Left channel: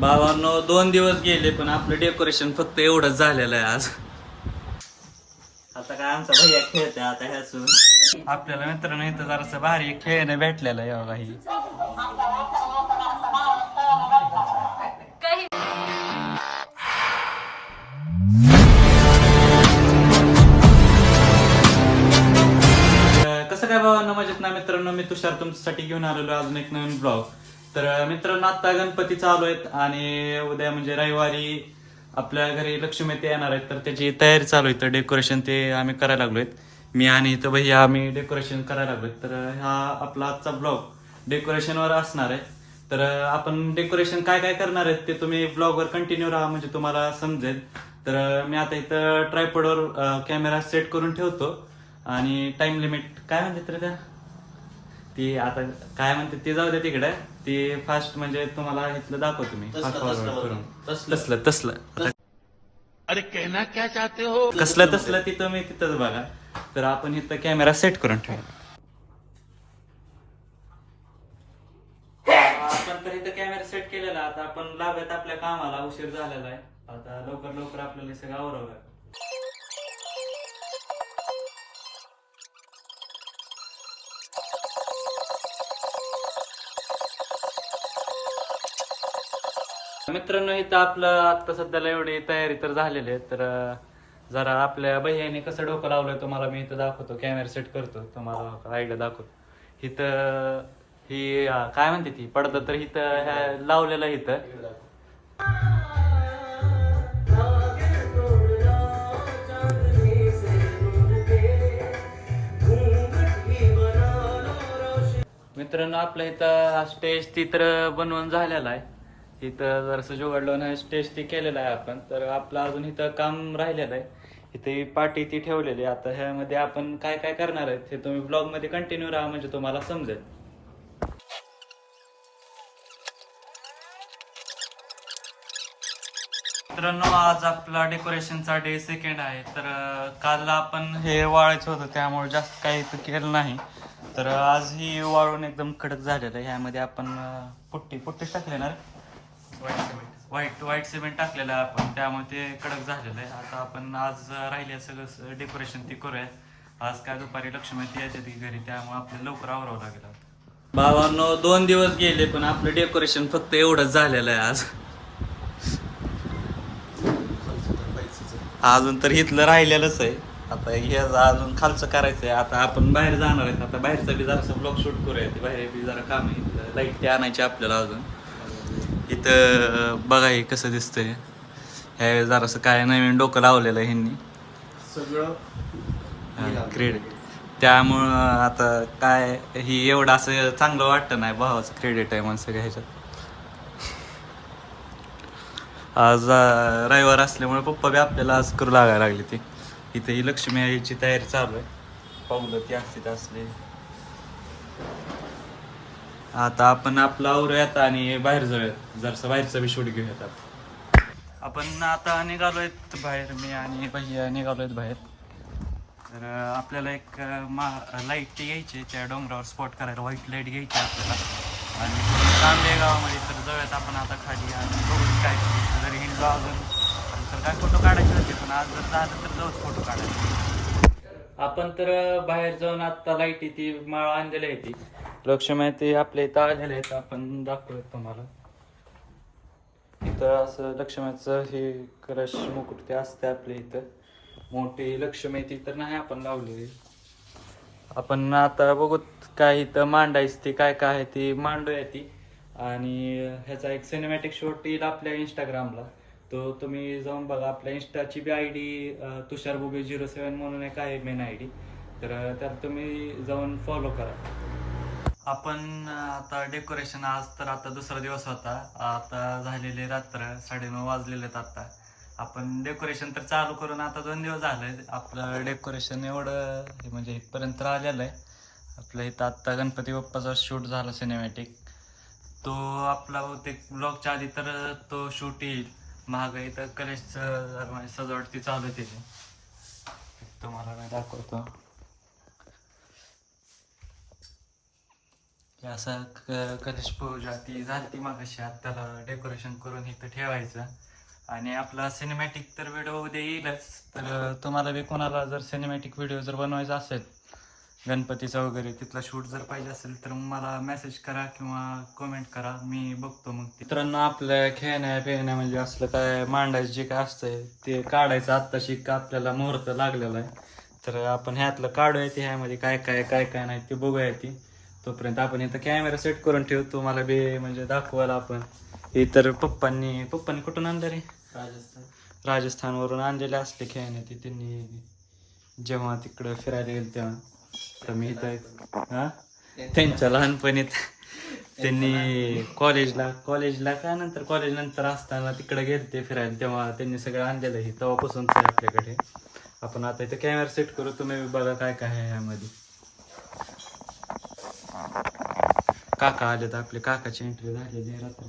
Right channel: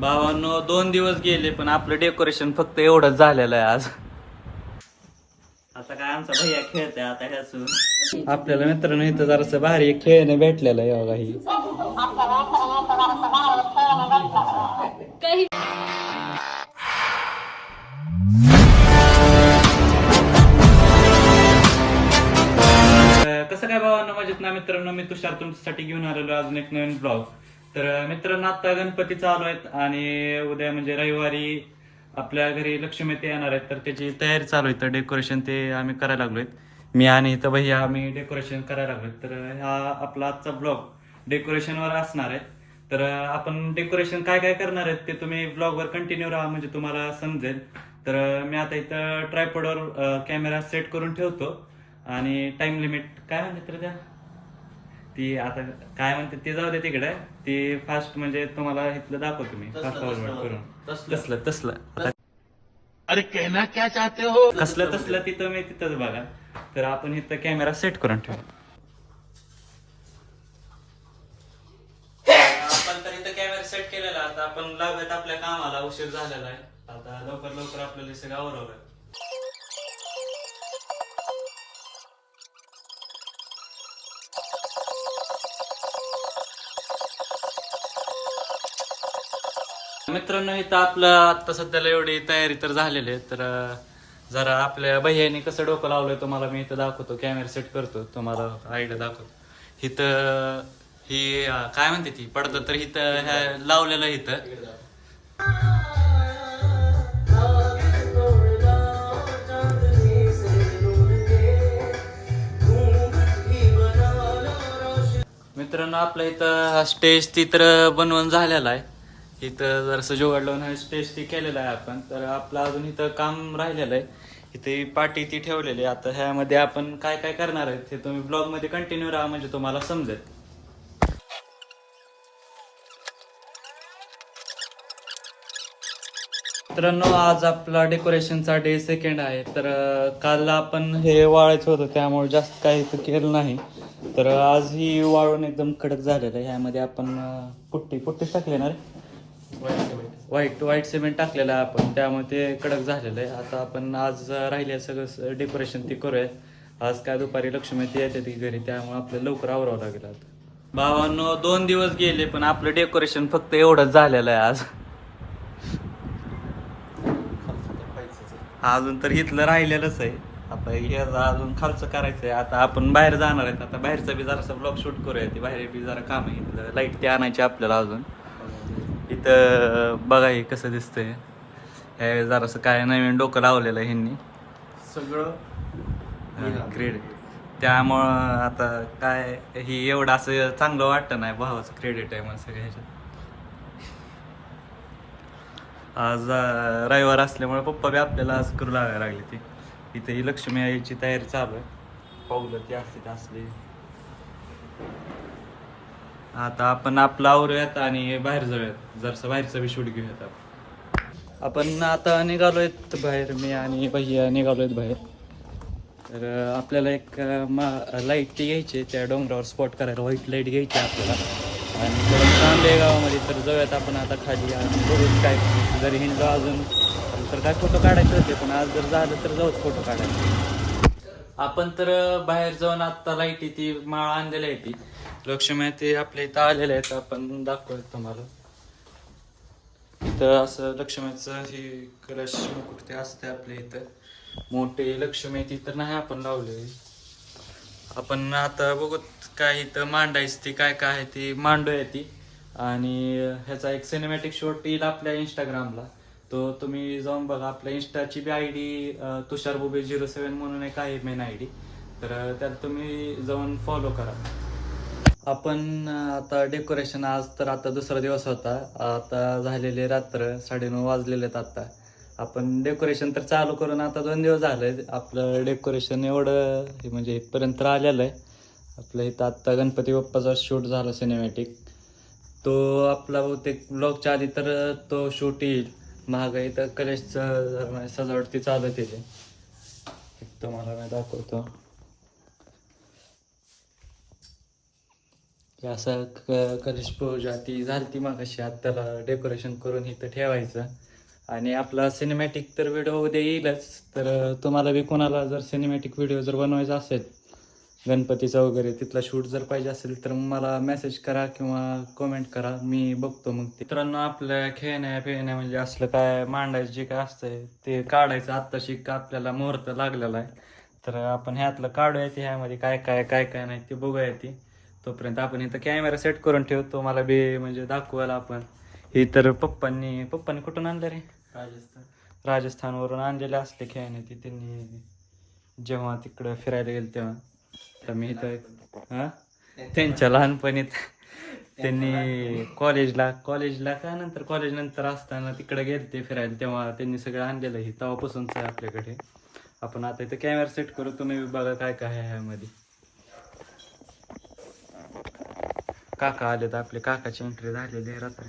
भावांनो 2 दिवस गेले पण आपलं डेकोरेशन फक्त एवढंच झालेलं आहे आज. आता काय आमचा भैया खेळतोय आता ह्यासून आपल्याला मित्रांनो इथं जरासं भारी एक खेळणं भेटलेलं आहे बघा ही. कसं काय भावांनो मजेत ना मित्रांनो, मी तुषार तुमच्यासाठी घेऊन आलेलो अजून एक नवीन ब्लॉग. तर मित्रांनो आता गणपती चालू आहेत आणि उद्या म्हणजे रविवारी आपल्या घरी लक्ष्मी ते येणार आहेत, तर त्याची तयारी चालू आहे. तर डेकोरेशन ते आम्ही करायला लागलोय, मी आणि इथं भैया आम्ही डेकोरेशन करायला लागलोय. तर हा आपला आजचा ब्लॉग डेकोरेशनवर असणार आहे. तर आपण डेकोरेशन काय काय करणार आहेत ते तुम्ही ब्लॉगवर कंटिन्यू राहा म्हणजे तुम्हाला समजेल. तर मी आता इथं ट्रायपॉडवर कॅमेरा सेट करून ठेवतो आणि टाइम लिमिट काय म्हणते तर त्या ती आता काय म्हणते ते जाऊ दे तिकडे. ती फास्ट म्हणजे तुम्हाला इथलं दाखवतो मी फास्ट फॉरवर्ड करून. तसलं तसलं आता अरे कहना क्या चाहते हो? कसलं तसलं तिथं मी तिथंच बघा. तर आपण इथं कॅमेरा सेट करून ठेवू. आपण तर इथं कॅमेरा सेट केलेला. आता आपण लागत आपल्या कामाला, उशीर झालेला आहे. आता लवकर लवकर आपल्याला सगळं आवरावं लागेल. मित्रांनो इथं आपलं आता सध्याला एवढी तयारी तर झालेली आहे. तर जरा आपल्या भैयाने कसं डोकं लावलंय तुम्हाला मी इथं दाखवतो. कॅमेरा सेट करतो, तुम्हाला आयडिया दाखवतो. इथं ही काय म्हणते ती पडदा तर इथं ह्या लावलेलं आहे इथं. मित्रांनो आपल्या इथं स्टेज ती तर बनवून झालेला आहे. इथं जरासं जुगाड लावून स्टेज ती केलेलं आहे आपण. तर आपलं अजून इथं काम राहिलेलं आहे. इथे पाटी ती ठेवलेली आहे. आता ह्यामध्ये आपण काय काय करणार आहेत हे तुम्ही ब्लॉग मध्ये कंटिन्यू राहा म्हणजे तुम्हाला समजेल. मित्रांनो आज आपला डेकोरेशनचा डे सेकंड आहे. तर काल आपण हे वाळायचं होतं त्यामुळे जास्त काही इथं केलं नाही. तर आज ही वाळून एकदम कडक झालेलं आहे. ह्यामध्ये आपण पुट्टीच टाकली ना, व्हाईट सिमेंट टाकलेलं आहे आपण, त्यामुळे ते कडक झालेलं आहे. आता आपण आज राहिले सगळं डेकोरेशन ती करूया. आज काय दुपारी लक्ष्मी ती येते ती घरी, त्यामुळे आपल्याला लवकर आवरावं लागेल. आता भावांनो 2 दिवस गेले पण आपलं डेकोरेशन फक्त एवढंच झालेलं आहे आज. अजून तर इथलं राहिलेलंच आहे. आता हे अजून खालचं करायचं आहे. आता आपण बाहेर जाणार आहेत. आता बाहेरचा बी जरासं ब्लॉग शूट करूया. ते बाहेर बी जरा काम आहे. इथलं लाईट ते आणायची आपल्याला अजून. इथं बघा हे कसं दिसतंय. हे जरासं काय नवीन डोकं लावलेलं आहे ह्यांनी सगळं क्रेडिट. त्यामुळं आता काय ही एवढं असं चांगलं वाटतं नाही. भावाचं क्रेडिट आहे म्हणून सगळं ह्याच्यात. आज रविवार असल्यामुळे पप्पा बी आपल्याला आज करू लागायला लागली. ती इथे ही लक्ष्मी यायची तयारी चालू आहे. पावलं ती असते असले. आता आपण आपलं आवरूयात आणि बाहेर जाऊयात. जरसं बाहेरचं बी शूट घेऊयात. आपण आता निघालोयत बाहेर, मी आणि भैया निघालोयत बाहेर. तर आपल्याला एक लाईट ती घ्यायची त्या डोंगरावर स्पॉट करायला. व्हाईट लाईट घ्यायची आपल्याला आणि थोडं काम आहे गावामध्ये. तर जाऊयात आपण आता खाली आणि बघूच काय जरी हिंडलो अजून तर काय फोटो काढायचे होते. पण आज जर झालं तर जाऊच फोटो काढायला. आपण तर बाहेर जाऊन आता लाईटी ती माळ आणलेली आहे. ती लक्ष्मी ते आपल्या इथं आलेले आहेत. आपण दाखवूयात तुम्हाला. इथं असं लक्ष्मीचं हे कलश मुकुट ते असते आपल्या इथं. मोठी लक्ष्मी ती तर नाही आपण लावले. आपण आता बघूत काय इथं मांडायचं ती काय काय आहे ती मांडूया ती. आणि ह्याचा एक सिनेमॅटिक शॉट येईल आपल्या इंस्टाग्रामला. तो तुम्ही जाऊन बघा. आपल्या इंस्टाची बी ID तुषार बुबे 07 म्हणून एक आहे मेन ID. तर त्यात तुम्ही जाऊन फॉलो करा. आपण आता डेकोरेशन आज तर आता दुसरा दिवस होता. आता झालेले रात्र 9:30 वाजलेले आहेत. आता आपण डेकोरेशन तर चालू करून आता 2 दिवस झाले. आपलं डेकोरेशन एवढं म्हणजे इथपर्यंत आलेलं आहे. आपलं इथं आत्ता गणपती बाप्पाचा शूट झाला सिनेमॅटिक. तो आपला बहुतेक ब्लॉगच्या आधी तर तो शूट येईल. महाग इथं कलेशचं सजावट ती चालू आहे. तुम्हाला मी दाखवतो. हे असं कलश पूजा ती झाली ती मागाशी आता त्याला डेकोरेशन करून इथं ठेवायचं. आणि आपला सिनेमॅटिक तर व्हिडिओ उद्या येईलच. तर तुम्हाला बी कोणाला जर सिनेमॅटिक व्हिडिओ जर बनवायचा असेल गणपतीचं वगैरे तिथला शूट जर पाहिजे असेल तर मला मेसेज करा किंवा कमेंट करा, मी बघतो मग ते. मित्रांनो आपल्या खेळण्या पिळण्या म्हणजे असलं काय मांडायचं जे काय असतंय ते काढायचं. आत्ताशी आपल्याला मुहूर्त लागलेला आहे तर आपण ह्यातलं काढूया ते, ह्यामध्ये काय काय काय काय नाही ते बघूया ती. तोपर्यंत आपण इथं कॅमेरा सेट करून ठेवतो, मला बी म्हणजे दाखवायला आपण. हे तर पप्पांनी कुठून आणलं रे? राजस्थानवरून आणलेले असले खेळणे ते त्यांनी जेव्हा तिकडं फिरायला गेले तेव्हा. तर मी इथं हां त्यांच्या लहानपणीत त्यांनी कॉलेजला काय नंतर कॉलेज नंतर असताना तिकडे गेले ते फिरायला तेव्हा त्यांनी सगळं आणलेलं आहे. तेव्हापासूनच आहे आपल्याकडे. आपण आता इथं कॅमेरा सेट करू, तुम्ही बघा काय काय आहे ह्यामध्ये. काका आले तर आपले काकाची एंट्री झालेली आहे रात्री.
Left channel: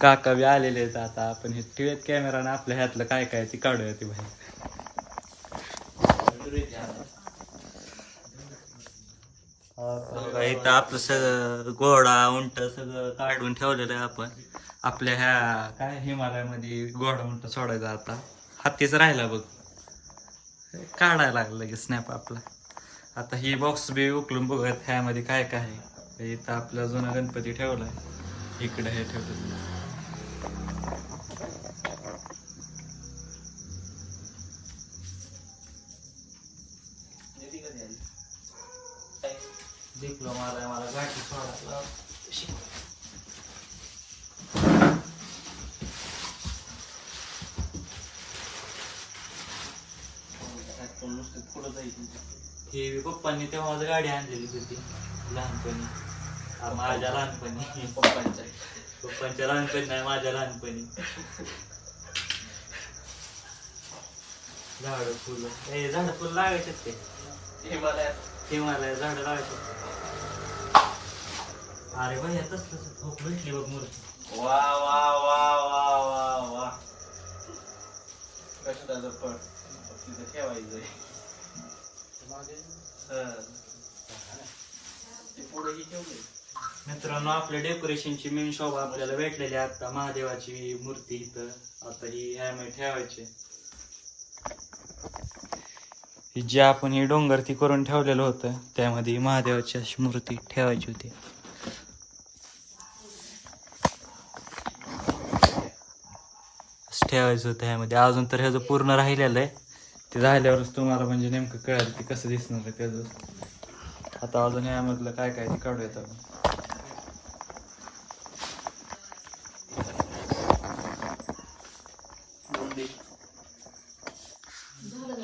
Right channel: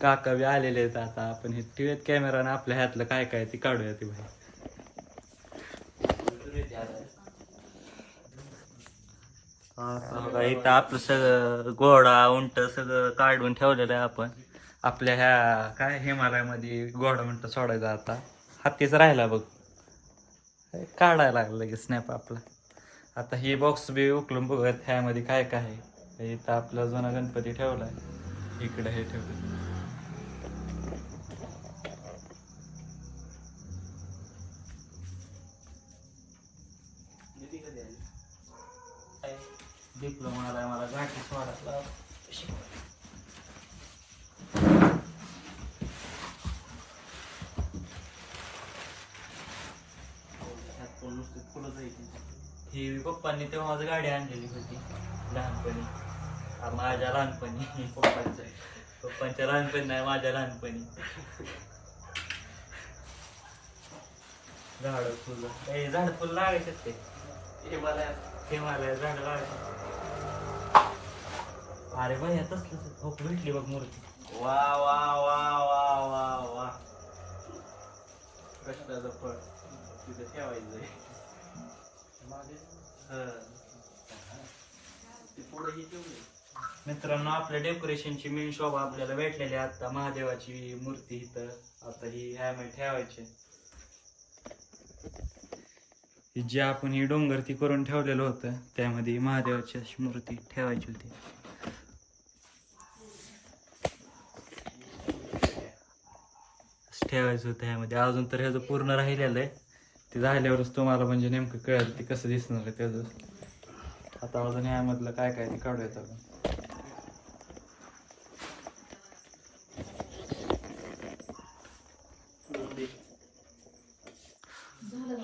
काका बी आलेले आहेत. आता आपण हे टिळत कॅमेराने आपल्या ह्यातलं काय काय ते काढूया ते बाहेर. इथं आपलं सगळं घोडा उंट सगळं काढून ठेवलेलं आहे आपण. आपल्या ह्या काय हिमालयामध्ये घोडा उंट सोडायचा आता. हत्तीच राहिला बघ, काढायला लागलं लगेच स्नॅप आपला. आता ही बॉक्स बी उकलून बघत ह्यामध्ये काय काय आहे. इथं आपला जुना गणपती ठेवलाय, इकडे हे ठेवलं. डिप्लोमाला मला गाठी सोडा. हे पप्पांनी तेव्हा माझं गाडी आणलेली होती लहानपणी. माझ्या लहानपणी पप्पांच्या लहानपणी नाही, माझ्या लहानपणी. झाड फुलं लागायचे ते हिमालय झाड लागायचे. अरे बाई तसलं झोप भेटली बघ मूर्ती. वा वा वा वा वा वा. कशाचं फळ तिथं ठेवायचं. मित्रांनो आपल्या डेकोरेशनची मेन शोभा आपल्याला भेटलेली आहे आता. महादेवाची मूर्ती इथं आता ही ह्यामध्ये ठेवायची. ही जी आपण ही डोंगर ती करून ठेवलेलं होतं त्यामध्ये महादेवाची अशी मूर्ती ठेवायची होती. ठेवायचं होतं ह्यामध्ये. अजून तर ह्याचं पूर्ण राहिलेलं आहे, ते झाल्यावरच तुम्हाला म्हणजे नेमकं कळेल ते कसं दिसणार आहे त्याचं. आता अजून ह्यामधलं काय काय ते काढूयात आपण.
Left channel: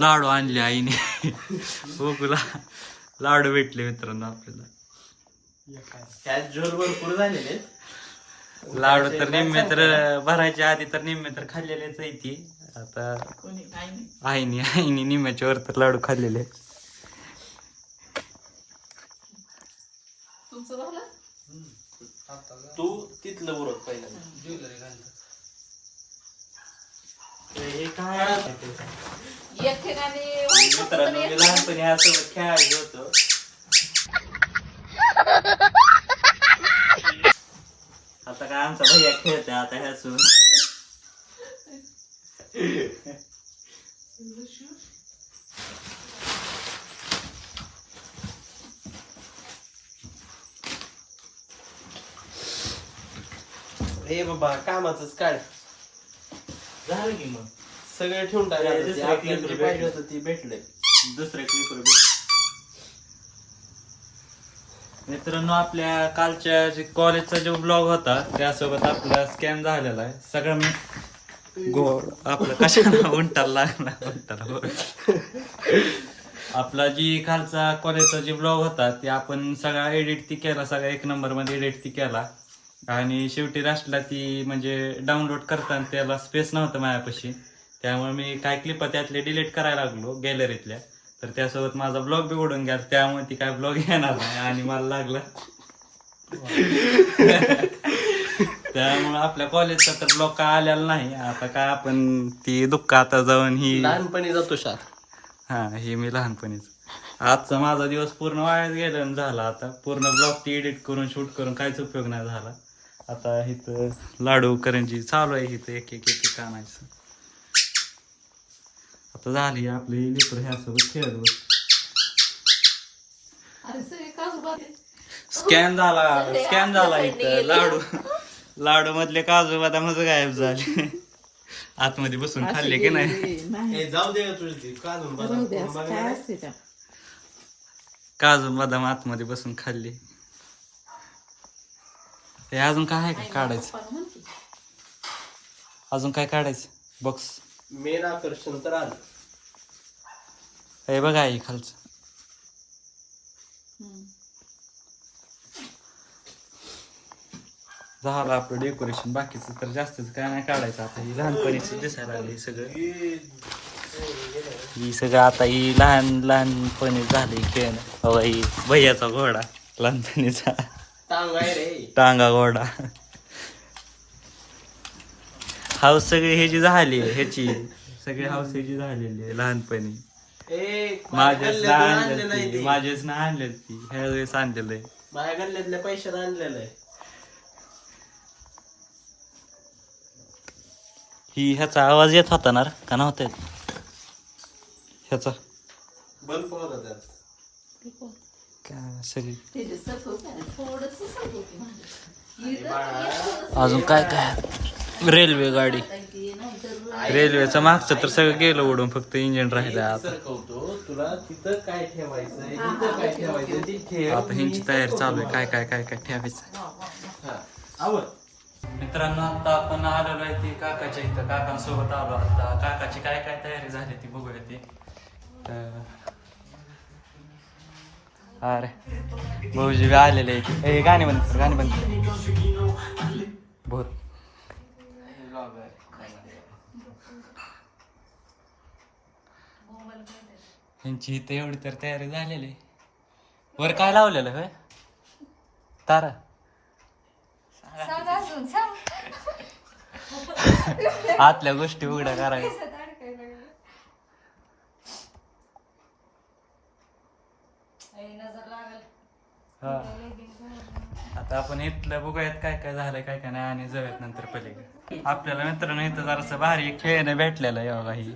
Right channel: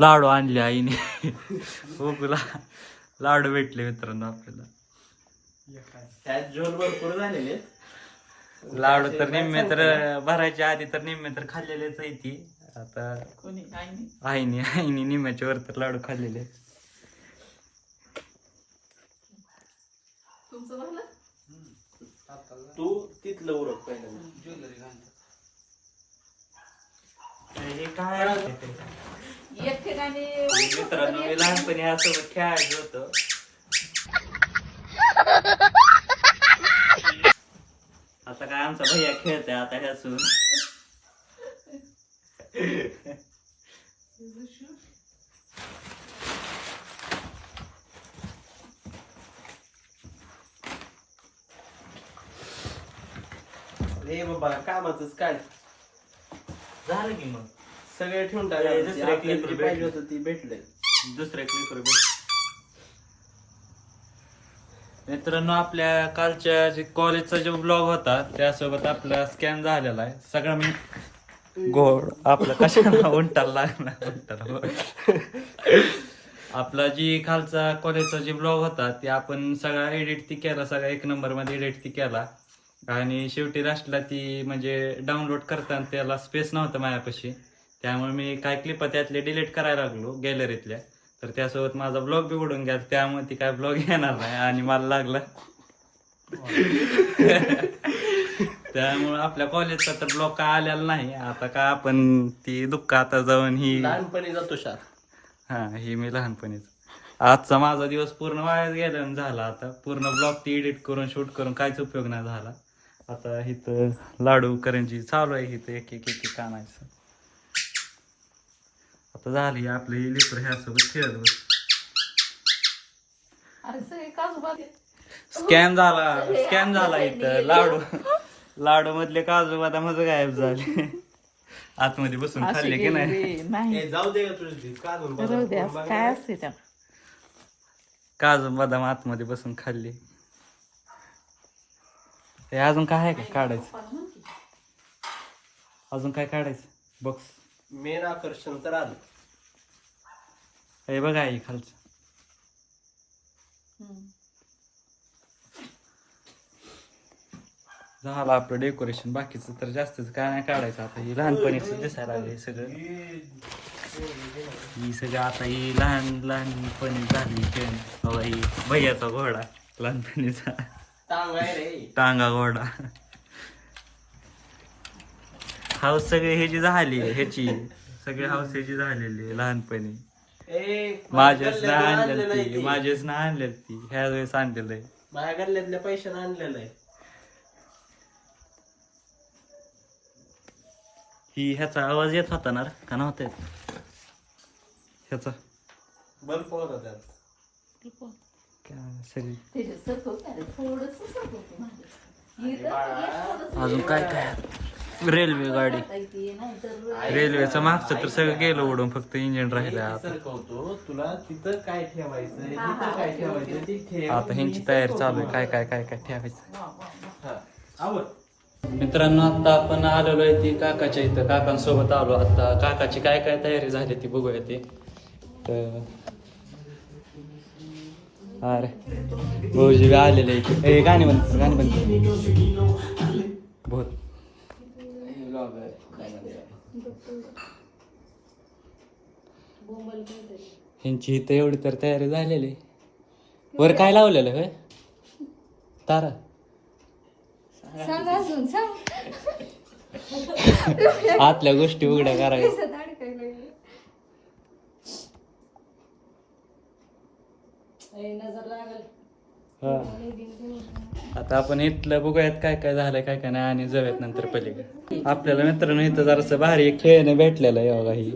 लाडू आणले आईने. बघूला लाडू भेटले मित्रांनो आपल्याला. भरपूर झालेले लाडू तर निम्मे तर भरायच्या आधी तर निम्मे तर खाल्लेलेच आहे ती. आता आईने निम्म्याच्या वर तर लाडू खाल्लेले. तू तिथलं उरक पहिल्यांदा. हे काय एक ठिकाणी मित्रांनो मी लहानपणी ह्यासोबत खेळायचो होतो. आता काय आमचा भैया खेळतोय आता ह्यासोबत. हे बाबा कामाचंच काढ. झालं की मग सगळे ठेवून दुसरं clip पाहिजे होतं ती भेटलंय. दुसऱ्या क्लिपर भेट. मित्रांनो आपल्या कालच्या जे कॉलेजचा जो ब्लॉग होता त्यासोबत आपला स्कॅम झालेला आहे सगळं. मी गोड आपलं कशाला उंटाला लागला उंटाला. आपला जी कालचा कॉलेजचा जे ब्लॉग होता ते आपण सगळा एडिट ती केला, सगळा 1 नंबरमध्ये एडिट ती केला. आणि शेवटी लास्टला ती म्हणजे डाउनलोड करताना त्याला स्पेस नव्हतं माझ्यापाशी, त्यामुळे मी काय क्लिप त्यातले डिलीट करायला लागलो गॅलरीतल्या. तर त्यासोबत माझा ब्लॉग बी उडून गेला, त्यामुळे ती काय ब्लॉग येणार नाही आणि मला लागला. त्यामुळे आपल्या कॉलेजचा तर ब्लॉग काय आलेला नाही. आता काय आपण ती दुःख आता जाऊन ही लहानपणी जातो शाळेत. हा हे मी लहानपणीच. आजचा माझा दिवस पूर्ण वायाच गेला आणि झाला. आता पूर्ण ब्लॉग ती एडिट करून शूट करून काहीच उपयोग नाही झाला. आता इथं लाडू करंजी चालू आहे, इथं एक एक एक एक आणायचं. आता झाली आपली लेकरं ह्यासोबत खेळत बस. आणि सगळे काजू बदाम. स्कॅन झाला इथं लाडू मधले काजू बदामच गायब झाले. आतमध्ये बसून खाल्ले की नाही. जाऊ दे का तुझी काढून जाऊ दे, असं काय असते त्या. काजू बदाम आतमध्ये बसून खाल्ले. हे अजून काय आहे का काढायचं? अजून काय काढायचं बॉक्स? मेन आकर्षण तर आलं. हे बघा हे खालचं. झालं आपलं डेकोरेशन. बाकीचं तर जास्तच काय नाही काढायचं. आता ही लहानपणीच दिसायला लागली सगळं. ही सगळं आता ही लहानपणी झाली खेळ. ही भैयाचा घोडा लहानपणीचा. टांग आहे रे. टांगा घोडा. हाऊस सगळी ह्याची झाली ह्याची. सगळी हाऊस ह्याची झालेली आहे लहानपणी. माझ्याच ना आणलेली ती. माझ्याच ना आणलेली ती. ह्या वेळेस आणलेलं आहे. माझ्या गल्ल्यातल्या पैशाने आणलेलं आहे. ही ह्याचा आवाज येत होता ना का नव्हता येत? ह्याचा बंद पाहत होता. काय सगळी तिथे सरकवते ना, थोडंसं सरकवते माझं. अजून काय काय? रेल्वे गाडी. रेल्वेचं मागचं तर सगळं गेलं उडून, फक्त इंजिन राहिलं आता. सरकवतो तुला तिथं काय ठेवायचं तिथं काय ठेवायचं ती ठेव. आता ह्यांची तयारी चालू आहे. काय काय काय काय ठेवायचं. हा आवड. मित्रांनो आता आपण आलेलो आहे ती काकाच्या इथं. काकांसोबत आलो. आता काकाची काय काय तयारी झाली ती बघूया ती. तर अरे भाऊजी बी आलेले इथे. ए गाणी बंद कर, गाणी बंद कर. बहुत ह्यांची इथं एवढी तर तयारी झालेली. वर काय लावलेलं होय? तारा. आतल्या गोष्टी उघड्या करायच्या. आता आपण इथलं बघूयात काय काय झालंय काय काय नाही आणि जाऊयात नंतर पलीकडे. आपल्याला मित्रांनो इथं जरासं भारी एक खेळणं भेटलेलं आहे बघा. ही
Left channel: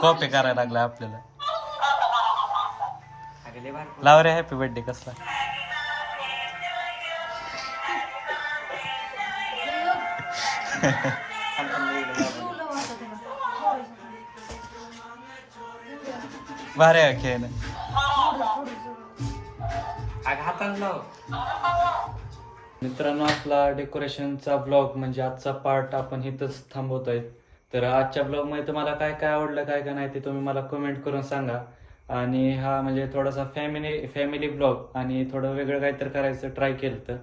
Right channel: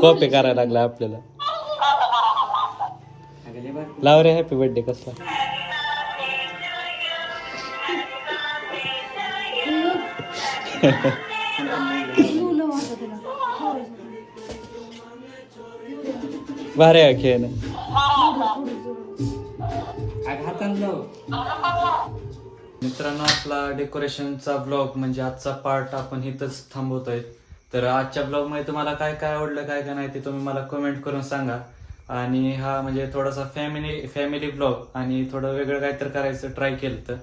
कॉपी करायला लागला आपल्याला. लाव रे हॅपी बर्थडे कसला. भारी आहे खेळणं. मित्रांनो आपला डेकोरेशनचा ब्लॉग म्हणजे आजचा पार्ट आपण इथंच थांबवतोय. तर आजच्या ब्लॉगमध्ये तुम्हाला काय काय आवडलं काय काय नाही ते तुम्ही मला कमेंट करून सांगा. आणि हा म्हणजे थोडासा फॅमिली ब्लॉग आणि थोडं वेगळं काहीतरी करायचं ट्राय केलं.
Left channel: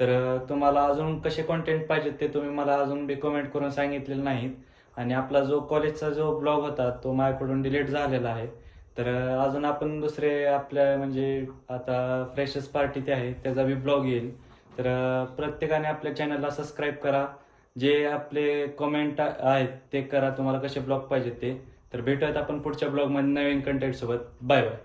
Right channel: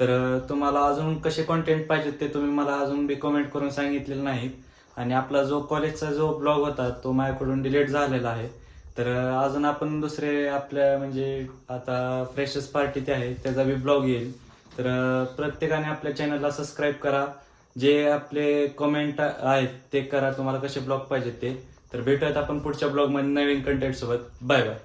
तर तुम्हाला अजून कसे कॉन्टेंट पाहिजेत ते तुम्ही मला अजून बी कमेंट करून सांगितलेलं नाहीत. आणि आपला जो कॉलेजचा जो ब्लॉग होता तो माझ्याकडून डिलीट झालेला आहे. तर अजून आपण दुसरे आपल्या म्हणजे आता फ्रेशर्स पार्टी ते आहे त्याचा बी ब्लॉग येईल. तर प्रत्येकाने आपल्या चॅनलला सबस्क्राईब करा. जे आपले कमेंट आहेत ते करा. तुम्हाला कसे ब्लॉग पाहिजेत ते. तर भेटूयात आपण पुढच्या ब्लॉगमध्ये नवीन कंटेंट सोबत. Bye bye.